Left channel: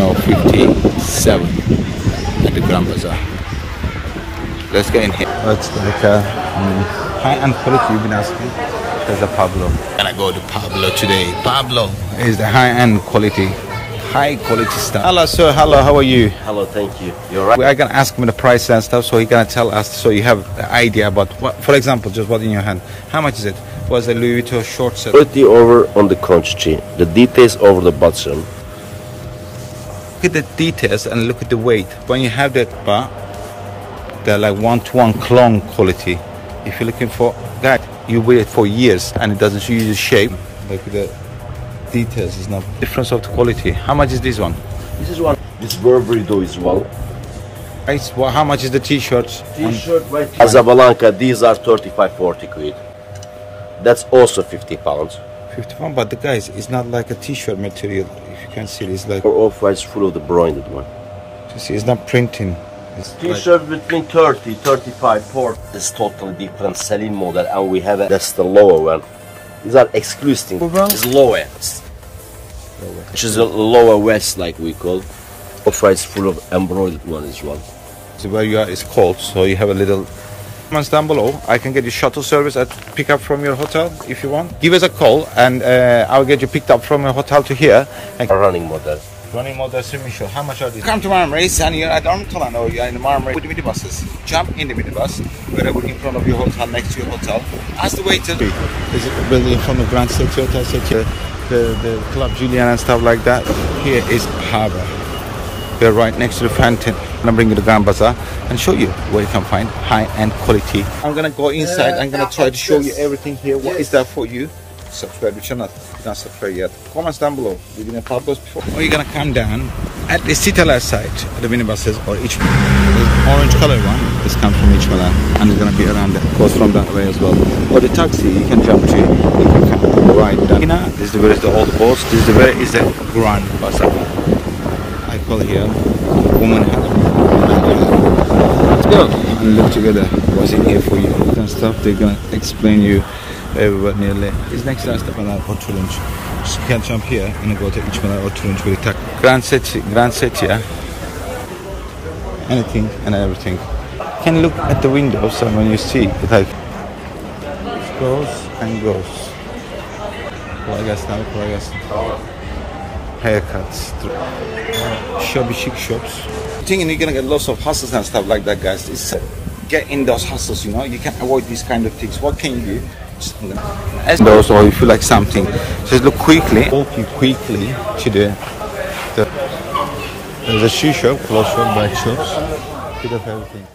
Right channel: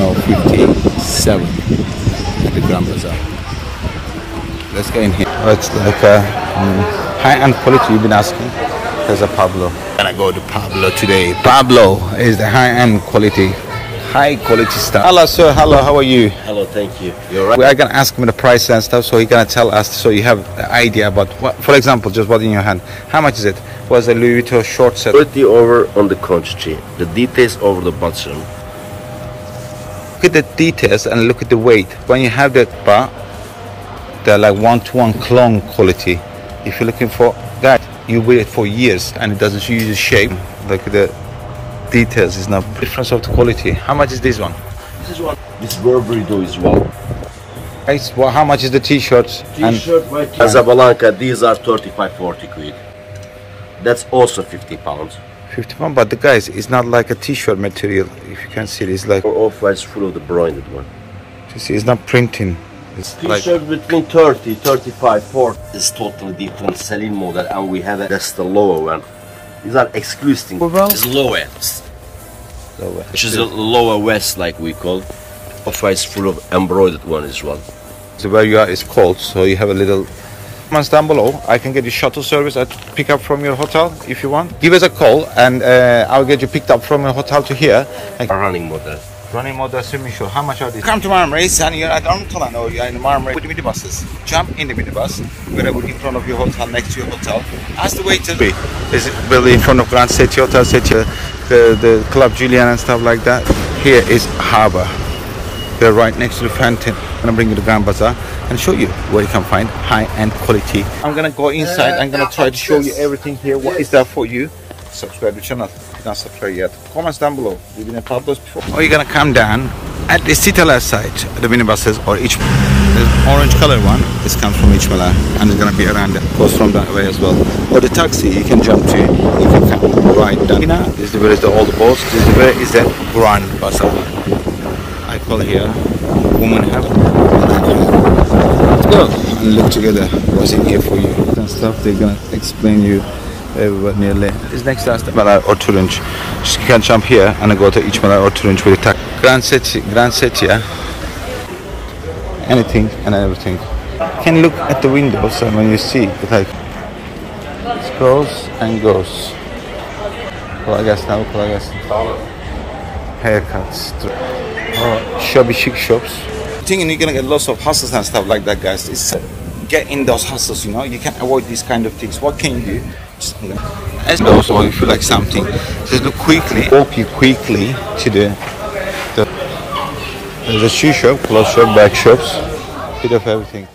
57 at the Grandbazzar. Let's get in here. Oh, it's like a high-end quality you've been asking. There's a Pablo. I'm gonna go to Pablo today. Pablo is the high-end quality, high quality stuff. Hello sir, hello, how are you? Hello, thank you. You're right. We are gonna ask him the price and stuff, so he's gonna tell us, so you have an idea about what, for example, just what in your hand. How much is it? Was a Louis Vuitton short set? 30 over on the quantity. The details over the bottom. Look at the details and look at the weight. When you have that bar, they're like one-to-one clone quality. If you're looking for that, you wear it for years and it doesn't use the shape. Look at the details, is no difference of the quality. How much is this one? This is one. This Burberry though is well. Well, how much is the t-shirts? T-shirt right here. Casablanca, these are 35-40 quid. That's also 50 pounds. 50 pounds, but the guys, it's not like a t-shirt material. If you can see it, it's like off-white's full of the branded one. You see, it's not printing. It's T-shirt like between 30, 35, 40. It's totally different selling model, and we have that's the lower one. These are exclusive. It's lower. Which is a lower west, like we call. Off-white's full of embroidered one as well. So where you are is cold, so you have a little. Comments down below. I can get you shuttle service at pick up from your hotel if you want. Give us a call and I'll get you picked up from your hotel to here. Running model. Running model swimming show. How much are these? Come to Marmaris and you're at Armtolan or you're in Marmaris with the minibuses. Jump in the minibus, wherever in front of your hotel, next to your hotel. Ask the waiter. Is it building in front of grandcettiahotel, the Club Julian and stuff like that. Here is harbour. We're right next to the fountain. I'm gonna bring you to Grandbazzar and show you where you can find high-end quality. I'm gonna go inside. I'm gonna try to show you everything here. What is there for you? Subscribe to the channel if you're not subscribed yet. Comments down below. You've been in Pablo's before. Or you're gonna come down at the city left side, the minibuses or each. There's an orange color one. This comes from each mala and it's gonna be around there. Goes from that way as well. Or the taxi you can jump to. You can come right down. This is where is the old boats. This is where is the Grandbazzar. I call here woman heaven. Let's go and look together what's in here for you and stuff. They're gonna explain you everywhere nearly. It's next to us the Mala or Turinch. Just you can jump here and go to each Mala or Turinch with the grandcettia, anything and everything. You can look at the windows and when you see it like it goes and goes. Haircuts. Shabby chic shops. Thinking you're gonna get lots of hustles and stuff like that, guys. It's get in those hustles, you know. You can avoid these kind of things. What can you do? Just those, or you feel like something. Just look quickly, walk you quickly to there's a shoe shop, clothes shop, bag shops, bit of everything.